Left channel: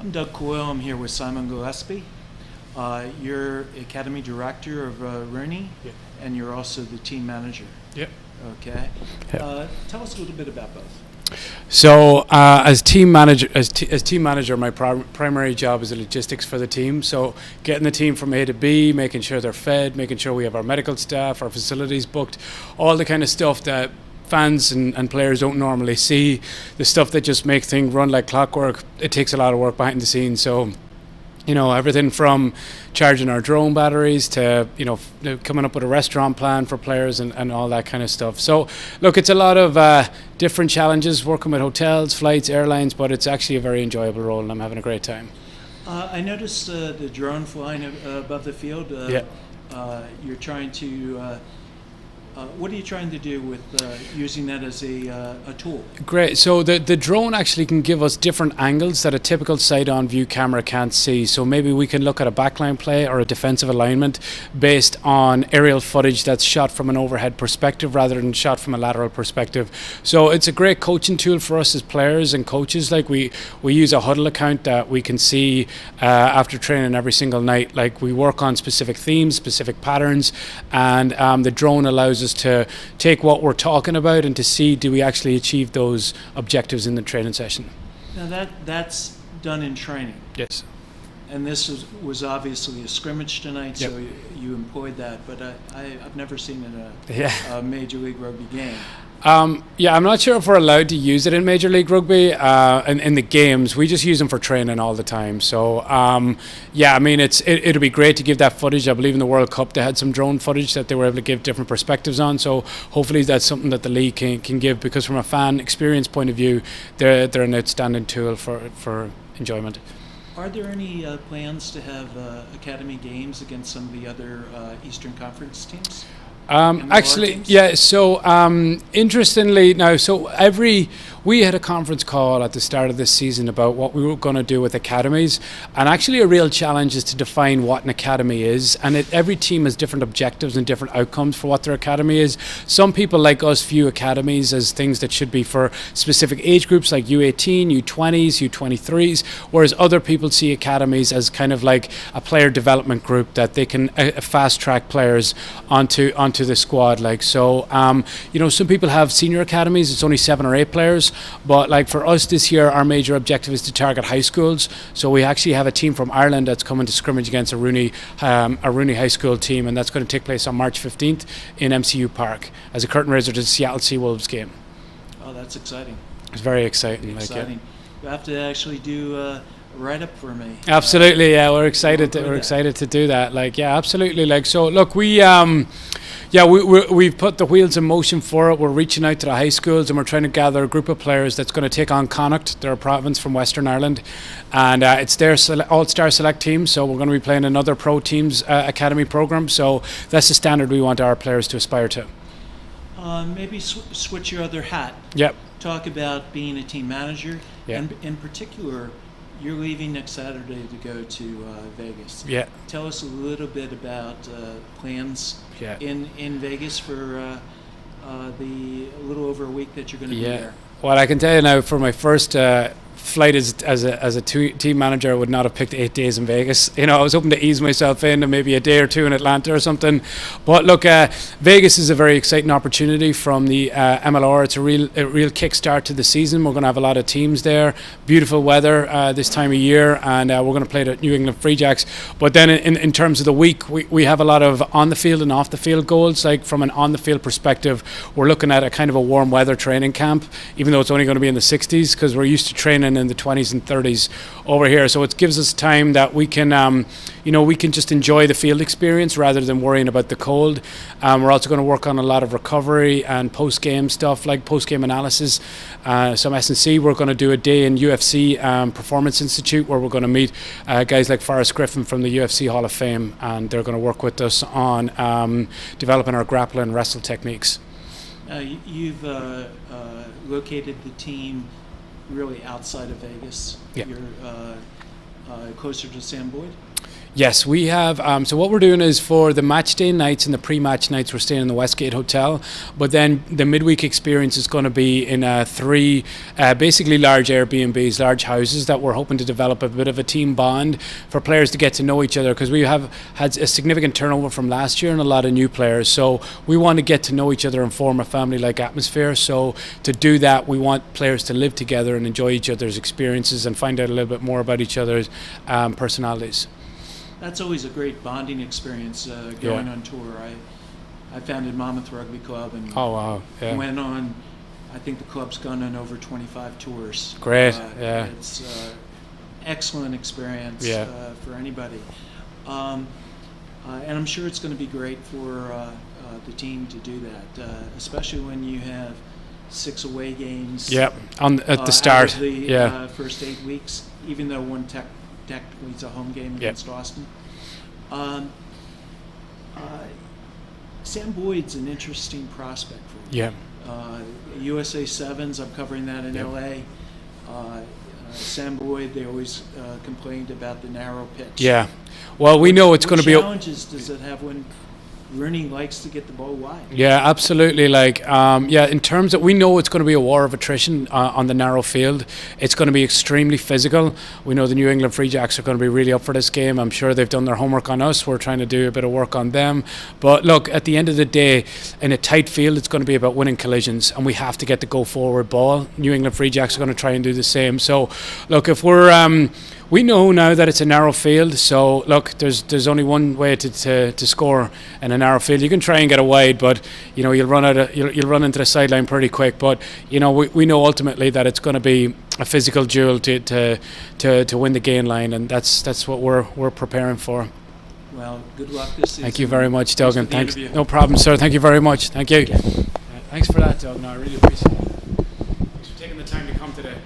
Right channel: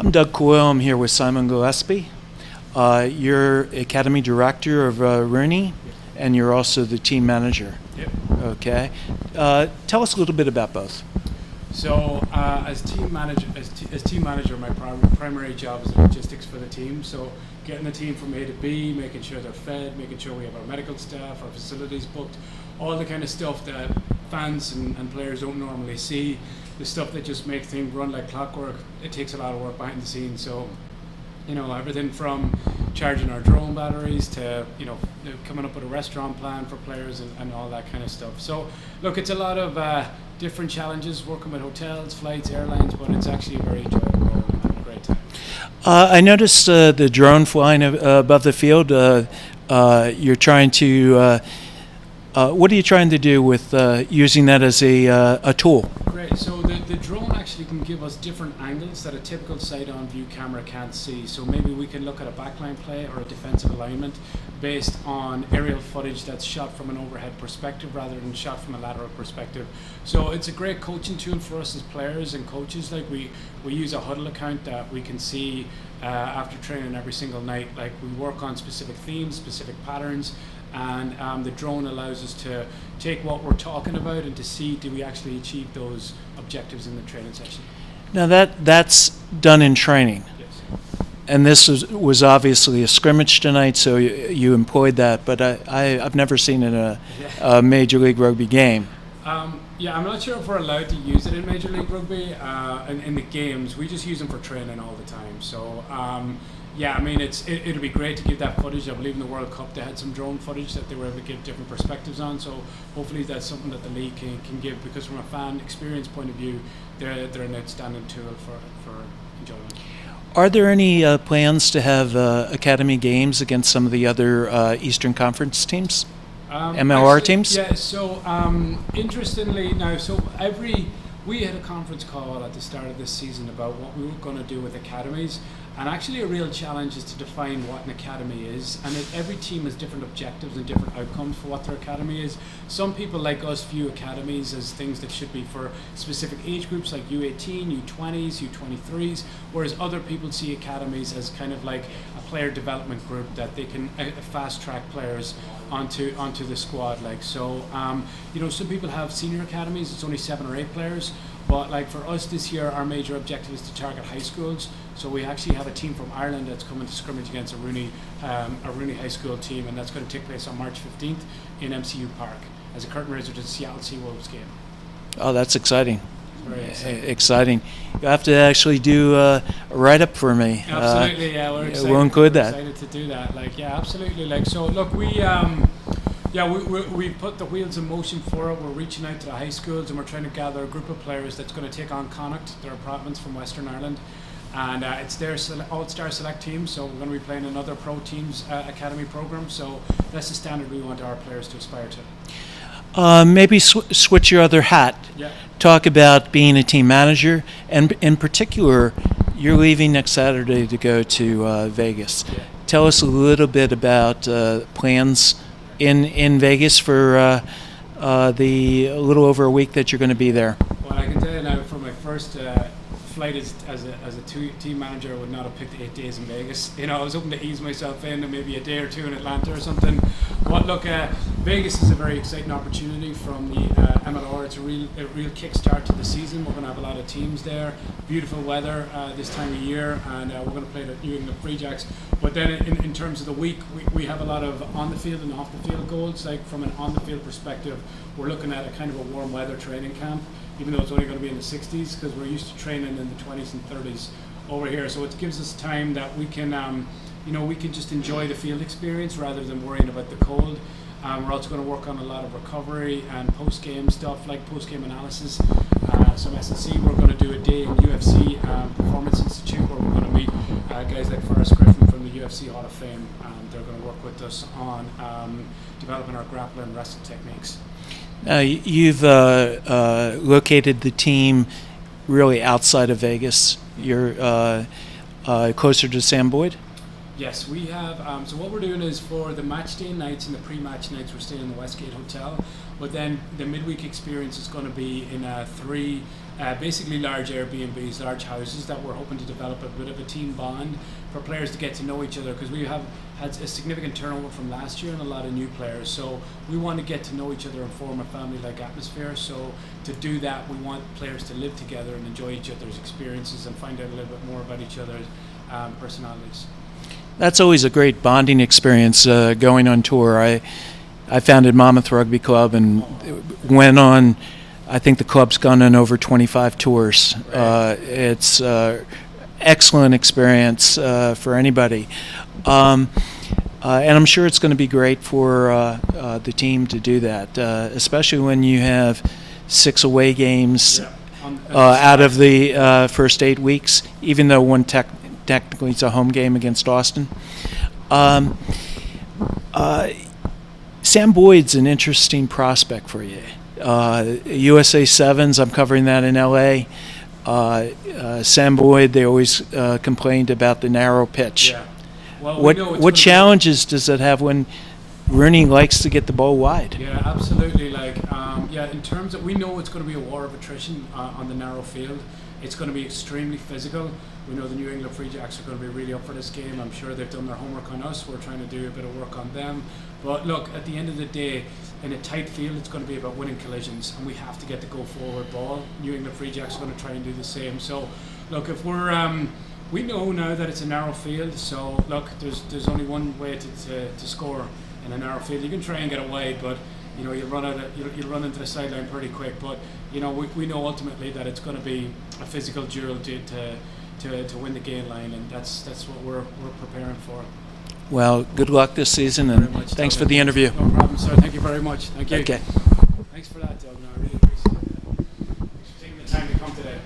I'm Doug Coyle. I'm here with Simon Gillespie. You're Academy Director of Rooney, Yep. and you're also the team manager. Yep. Okay. Tell us a little bit about both. So, as team manager, my primary job is the logistics for the team. So, getting the team from A to B, making sure they're fed, making sure we have our medical staff, our facilities booked, all the kind of stuff that fans and players don't normally see. The stuff that just makes things run like clockwork. It takes a lot of work behind the scenes. So, everything from charging our drone batteries to, coming up with a restaurant plan for players and all that kind of stuff. So, look, it's a lot of different challenges working with hotels, flights, airlines, but it's actually a very enjoyable role and I'm having a great time. I noticed the drone flying above the field. You're trying to... what are you trying to do with using that as a tool? Great. So the drone actually can give us different angles that a typical side-on view camera can't see. So maybe we can look at a backline play or a defensive alignment based on aerial footage that's shot from an overhead perspective rather than shot from a lateral perspective. So it's a great coaching tool for us as players and coaches. Like we use a huddle account that we can see after training every single night. Like we work on specific themes, specific patterns, and the drone allows us to take what we're talking about and to see, do we actually achieve those objectives in the training session. Now that's done in training. Yes. And this was obviously a scrimmage tonight, so Yep. you employed that, but I've never seen it in a Major League Rugby game. I'm not sure if we're allowed to use it in Major League Rugby in the games. We just use them for training all the time. So, it'll be great to give that footage. I believe in the World Cup they had some drone footage that they were able to give different perspectives on. So hopefully that's something that the league can give, because from a fan experience point of view, they're an outstanding tool for enjoyment. Are there any plans to have academy games against some of the other Eastern Conference teams? MLR teams? Yeah, so interestingly now, we had a conference call at the start of this season about what we were going to do with academies, and actually a real challenge is to define what an academy is, and every team has different objectives and different outcomes for what their academy is. Some people like us view academies as things that should be for specific age groups like U18, U20s, U23s, whereas other people see academies as kind of like a player development group that they can fast track players onto the squad. Like so, some people have senior academies. It's only 7 or 8 players, but like for us this year, our major objective is to target high schools. So we actually have a team from Ireland that's coming to scrimmage against a Rooney high school team, and that's going to take place on March 15th in MCU Park as a curtain raiser to the Seattle Seawolves game. Oh, that's exciting. It's very exciting. Exciting. You have to actually do a write-up for me. Absolutely, we're excited. We're excited to do that. Absolutely. So look, we've put the wheels in motion for it. We're reaching out to the high schools and we're trying to gather a group of players that's going to take on Connacht. They're a province from Western Ireland, and it's their all-star select team. So we're going to be playing another pro teams academy program. So that's the standard we want our players to aspire to. Maybe switch your other hat. Yep. Talk about being a team manager, Yep. and in particular, you're leaving next Saturday to go to Vegas. Yeah. Tell us a little bit about plans in Vegas for the a little over a week that you're going to be there. Well, I can tell you now, for my first flight as a team manager, I would not have picked 8 days in Vegas. I was hoping to ease myself in and maybe a day or two in Atlanta or something. But look, Vegas is a very exciting opportunity from the MLR. It's a real kickstart to the season. We're going to have a lot of teams there. Beautiful weather this time of year, and we're going to play the New England Free Jacks. But then in terms of the week, we have a lot of on the field and off the field goals. Like from an on the field perspective, we're looking at a kind of a warm weather training camp, even though it's only going to be in the 60s, because we're used to training in the 20s and 30s over here. So it gives us time that we can we can just enjoy the field experience rather than worrying about the cold. We're also going to work on a lot of recovery and post-game stuff, like post-game analysis, some S&C. We're going to do a day in UFC Performance Institute where we're going to meet guys like Forrest Griffin from the UFC Hall of Fame, and they're going to work with us on developing our grapple and wrestle techniques. You've located the team really outside of Vegas. Yeah. You're closer to Sam Boyd? Yes, we have. So what we're doing is for the match day nights and the pre-match nights, we're staying in the Westgate Hotel. But then the midweek experience is going to be in three basically large Airbnbs, large houses that we're hoping to develop a bit of a team bond for players to get to know each other, because we have had a significant turnover from last year and a lot of new players. So we want to get to know each other and form a family-like atmosphere. So to do that, we want players to live together and enjoy each other's experiences and find out a little bit more about each other's personalities. That's always a great bonding experience going on tour. I founded Monmouth Rugby Club and went on, I think the club's gone on over 25 tours. Great. It's excellent experience for anybody. And I'm sure it's going to be great for the team to do that, especially when you have 6 away games at the start out of the first 8 weeks, even though one technically it's a home game against Austin. Sam Boyd's an interesting prospect for you. USA Sevens, I'm covering that in LA. Sam Boyd, they always complained about the narrow pitch. Yeah. Well, we know it's going to be. What challenges does it have when Rooney likes to get the ball wide? Yeah, absolutely. In terms of, we know it's going to be a war of attrition on the narrow field. It's going to be extremely physical. We know the New England Free Jacks are going to be really up for this game. I'm sure they've done their homework on us. We're trying to do a bit of work on them. But look, at the end of the day, in a tight field, it's going to be about winning collisions, and we have to get the go forward ball. New England Free Jacks are going to try and do the same. So, look, if we're we know now that it's a narrow field, so look, there's only one way to score in a narrow field. You can try and get a wide, but you'll run into the sideline pretty quick. But we know ultimately that it's going to be a physical duel to win the gain line, and that's what we're preparing for. Well, good luck this season. Thank you very much, Doug. Thanks for the interview. No problem, sir. Thank you very much. Thank you. Okay. Thanks for that, Doug. No, I really appreciate it. Thanks for taking the time to come today.